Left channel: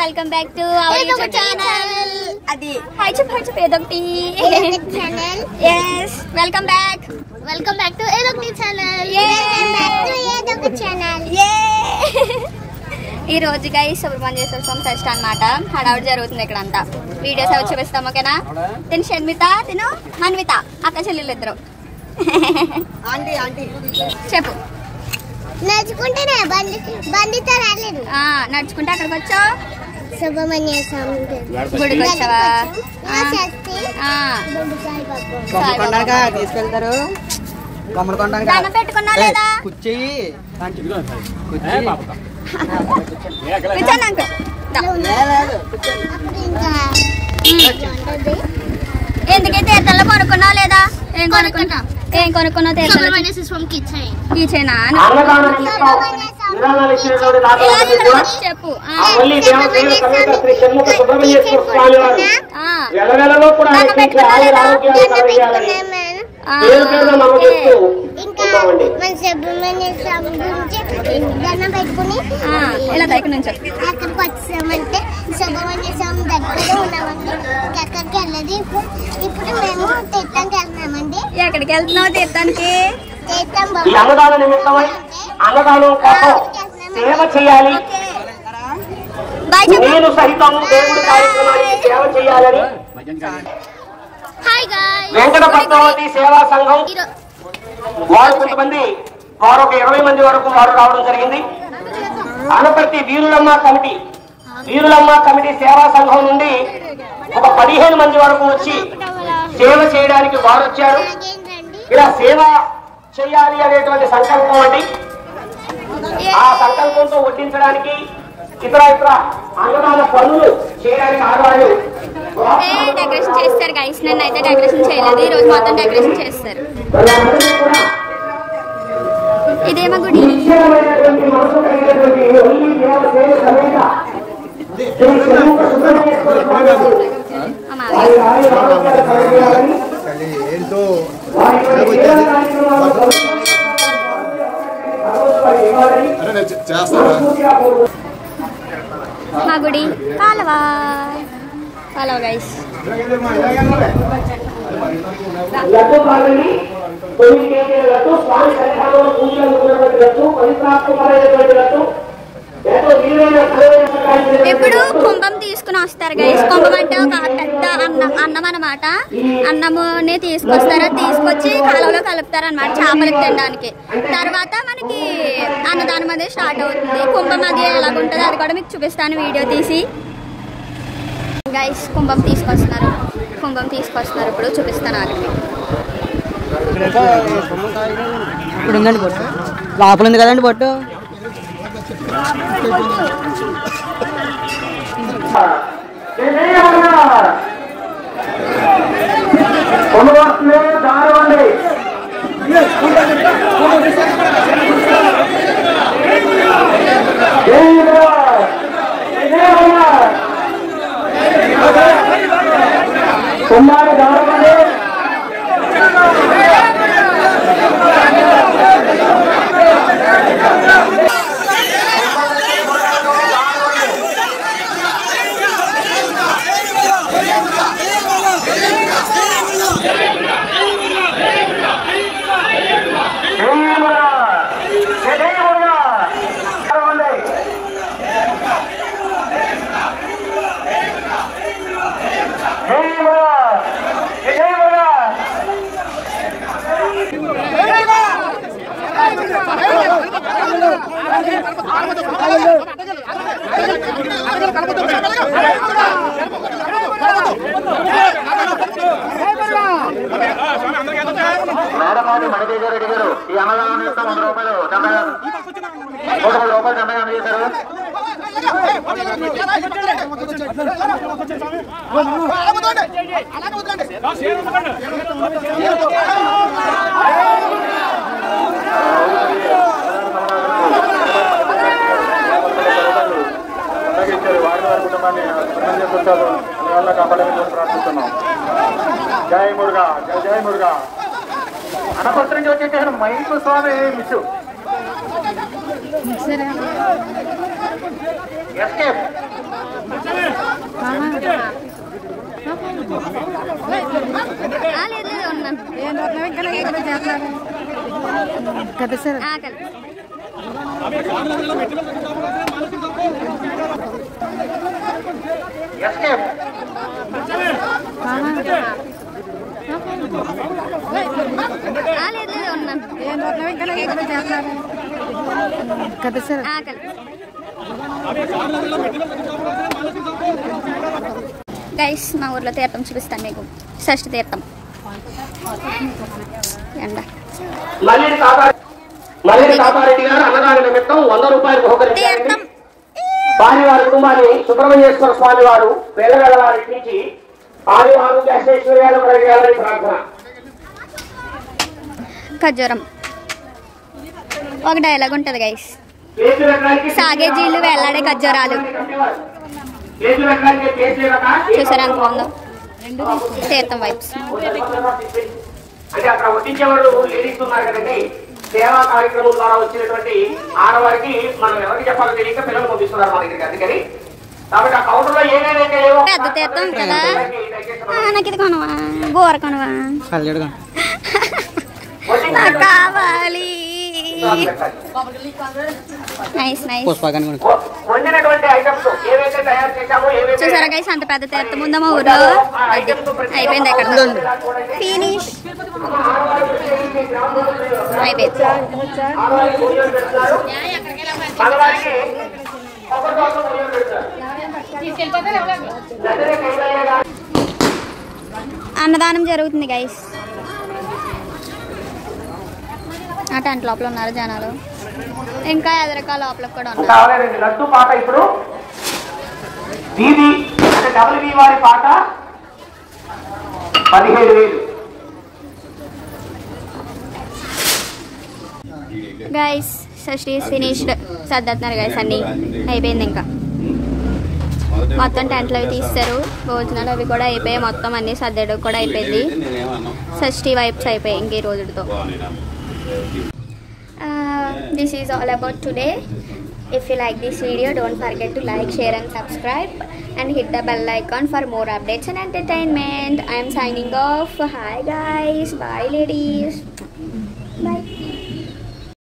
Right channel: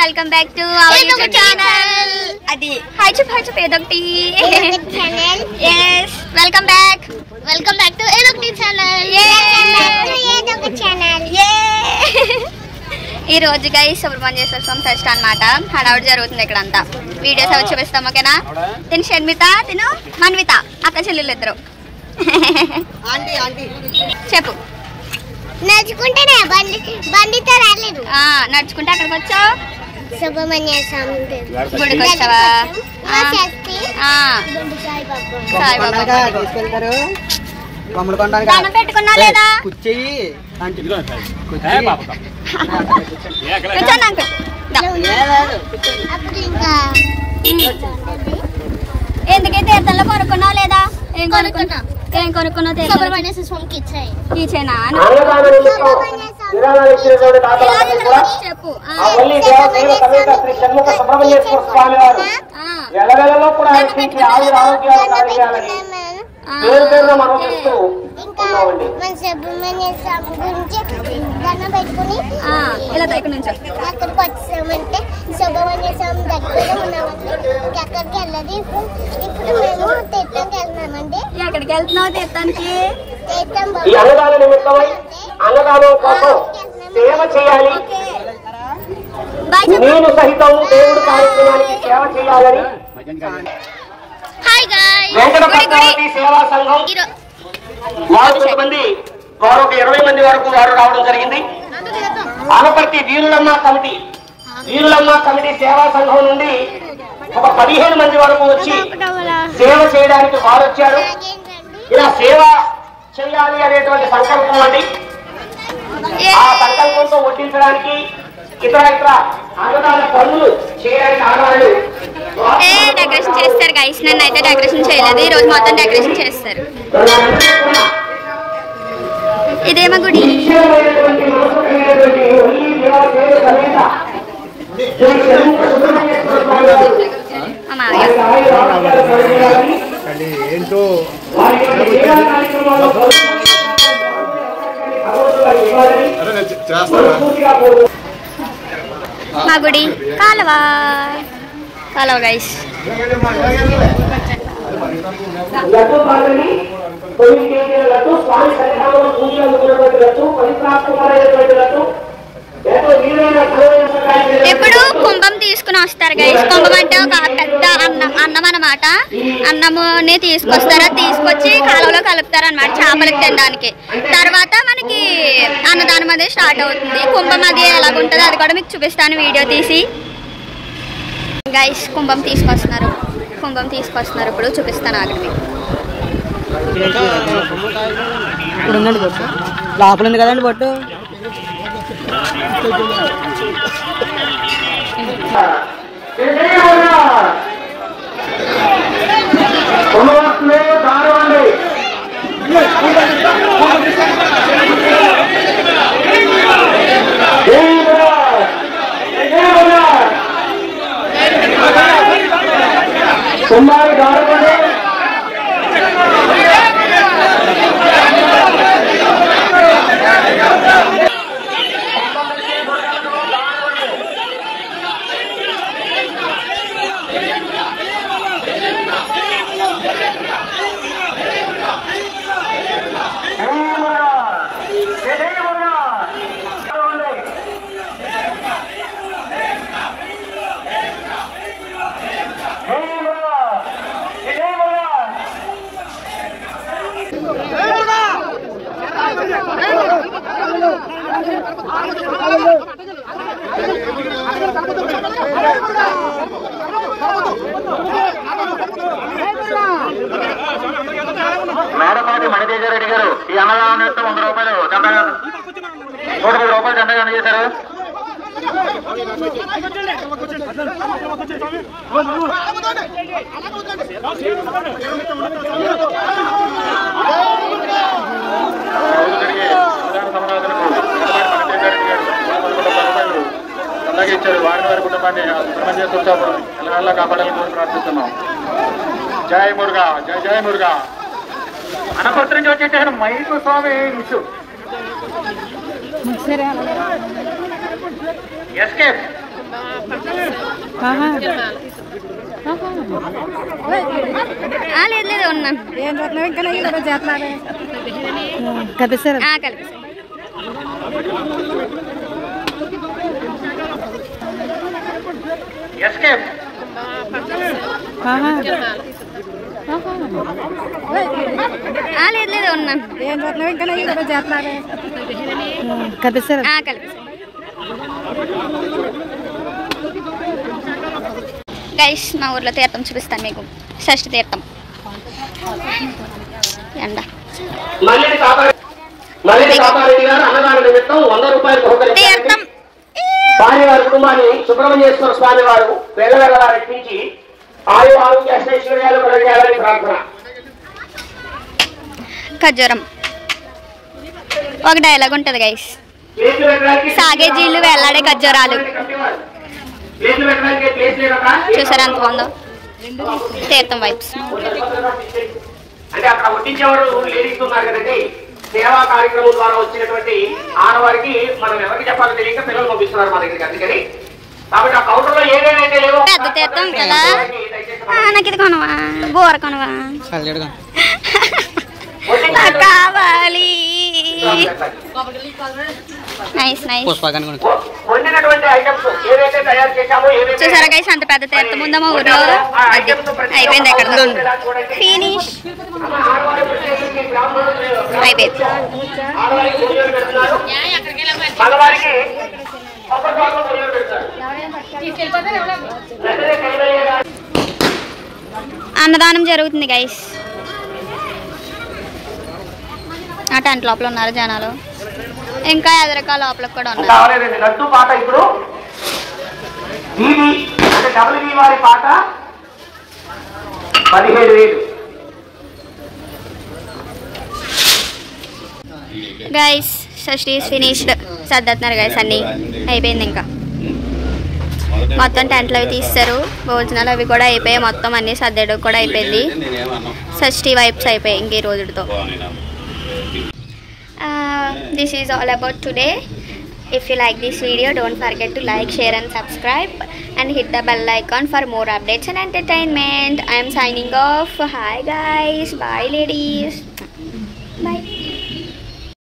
Welcome back to our YouTube channel. అది high చూప్ ఏదొకటి channel. yes welcome back to ఏదొకటి channel. ఏదొకటి channel. ఈ రోజు గైస్ సుబ్రహ్మణ్యేశ్వర స్వామి ఫెస్ట్ అన్నమాట. హడావుడి జరుగుతుంది ఇక్కడ అంతా. వీడియోస్ అవి చూపిస్తాం ఓకేనా. తిను షణ్మిత, తిను మన్విత, అక్క చెల్లెలు ఇద్దరు. చెప్పు. నడుచుకుంటేనే బండితో రాలేదు. నడుచుకుంటే అక్కడికి వచ్చావు. సుబ్రహ్మణ్య స్వామి గుడికి వచ్చావా? దండం పెట్టుకున్నా లేదా? ఎందుకే తీర్థంలో కొనుక్కున్నావు లేదా? ఏం కొనుక్కున్నావు? కీచేనా? చెప్పు. ఇలా దగ్గర నుంచి అక్కడికి వచ్చామంటే సుబ్రహ్మణ్య స్వామి దగ్గర ఉన్నామండి. అక్కడికి వెళ్ళదు. ఇప్పుడు మేము తీర్థంకి వెళ్తున్నామండి. ఎక్కడికి వెళ్తున్నావు తీర్థానికి? సేవ చేయాలి, నేను సహితం దేవుడి కార్యక్రమానికి సేవ చేయాలని వెంకటపద్మావతి సేవా సంఘం వారు కొంతమంది, వారు ఒక 20 మంది వరకు వారు రావడం జరిగింది. అనపర్తి వీరులమ్మ కమిటీ సేవా సంఘం నుండి ఒక 15 మంది వరకు వచ్చి సేవ చేయడానికి వారు వచ్చారు. ఇలా సేవ చేయాలి అనేటువంటి సంకల్పం అండి. ఆ సంకల్పంతో వడ్డించడానికి ఇతర అన్నదాన పనులు చేయడానికి ఆడవాళ్ళు డెకరేషన్ చేస్తారు గైస్. నన్ను అయితే డెకరేషన్ చేయలేదు. ఈ రోజు మొత్తం డెకరేషన్ చేస్తారు. ఇదేమో గుడి. మా గుడి కాలువ గైస్. ఇప్పుడు కుంభం తీసుకుని వస్తారు గైస్. కుంభం అంటే ఒక పెద్ద అన్నం అనమాట. అన్నముని తీసుకొస్తారు. తీసుకొచ్చి కాలువలో కలుపుతారు అనమాట చేపలకు తినడానికి. తర్వాత మనకి అన్నదానం అనేది స్టార్ట్ అవుతుంది. కుంభం అది ఎలాగుంటుందో అది కూడా మీకు చూపిస్తాను వీడియో తీసి. గైస్ కుంభం తీసుకొస్తున్నారు. ఇప్పుడు చూపిస్తాను ఆగండి. ఇప్పుడు ఉందండి బొట్టు, లోపల ఉంది కదండి బొట్టు. కుమారు దారబండి మేడపాటి మణితేజరెడ్డి గారు ఈ అన్నదానం నిమిత్తం 100 రూపాయలు 100 రూపాయలు దండగా అందజేశారు. ఇచ్చారు. వారిని వారి కుటుంబాన్ని సుబ్రహ్మణ్యేశ్వర స్వామి ఎల్లవేళలా కాపాడాలని ప్రార్థిస్తున్నాం. జై మురుగా, జై మురుగా. అనపర్తి నుంచి వచ్చేసారు మైకు స్వామి ఇష్యూ. ఎస్కేప్ లేదు లేదు ఉన్నాను కలిసారు కలిపి లేదు లేదు ఉన్నాను కలిసారు కలిపి గైస్ మా ఊర్లో తీర్థం చూపిస్తాను మీకు. షష్ఠి తీర్థం ఎండ తీర్థం వారి కుటుంబాన్ని సుబ్రహ్మణ్యేశ్వర స్వామి వారు వెళ్ళవెళ్ళారెక్కించి ఆరోగ్య ఐశ్వర్యాలు కలిగాలని ప్రార్థన. ఖర్జూరం ఒక డైలాగ్ ఉంటుంది గైస్, సాగే జీళ్ళు వేలాడే ఖర్జూరాలు. చూసారా ఎంత బాగుందో తీర్థం వైబ్స్. అంటే అక్కడ వడ్డించేవాడు లేడీస్ ఉన్నారు కదండి, సేవా కార్యక్రమం ద్వారా వచ్చినటువంటి ఆడవారికి మనం ఎవరికి చెప్పాలో తెలియక పిల్లలు పంపిస్తున్నారు మా దగ్గరికి. అందుకని కాబట్టి ఆ కౌంటర్ లో ఏదైతే లేవో పెద్ద తీర్థం కదా. నాకు ఇది కొనవా, బోర కొనవా, నాకు కావాలి. Nice nice. చూసారా గైస్ అంత పెద్ద తీర్థం ఉందా మా ఊరు. అది అయిపోయింది ఎక్కడ ఫినిష్ అయిపోయింది. అన్నదానం జరుగుతుంది గైస్. ఆ టెంట్ లోపల ఉన్నారు జనాలు, ఇంకా ఎదురుగా లోపల కూడా ఉన్నారు. లడ్డు పాట ఇప్పుడు డబ్ల్యూబీ వారి పాట 17,000. Guys Shashthi is finished. సర్దుతున్నారు guys, అన్నీ అయిపోయింది. ఇంకా మొత్తం టెంట్లు అవి తీస్తారు, భోజనాలు అవి కూడా అయిపోయాయి, మొత్తం అన్నీ సర్దడం కూడా అయిపోయింది. షష్ఠి వైబ్స్ అయిపోయాయి ఇంక ఈ రోజుతో. This is all about today. If you like this video, don't forget to like, share and subscribe and hit the bell icon for more updates and entertainment. I am signing off. Hi guys, bye ladies.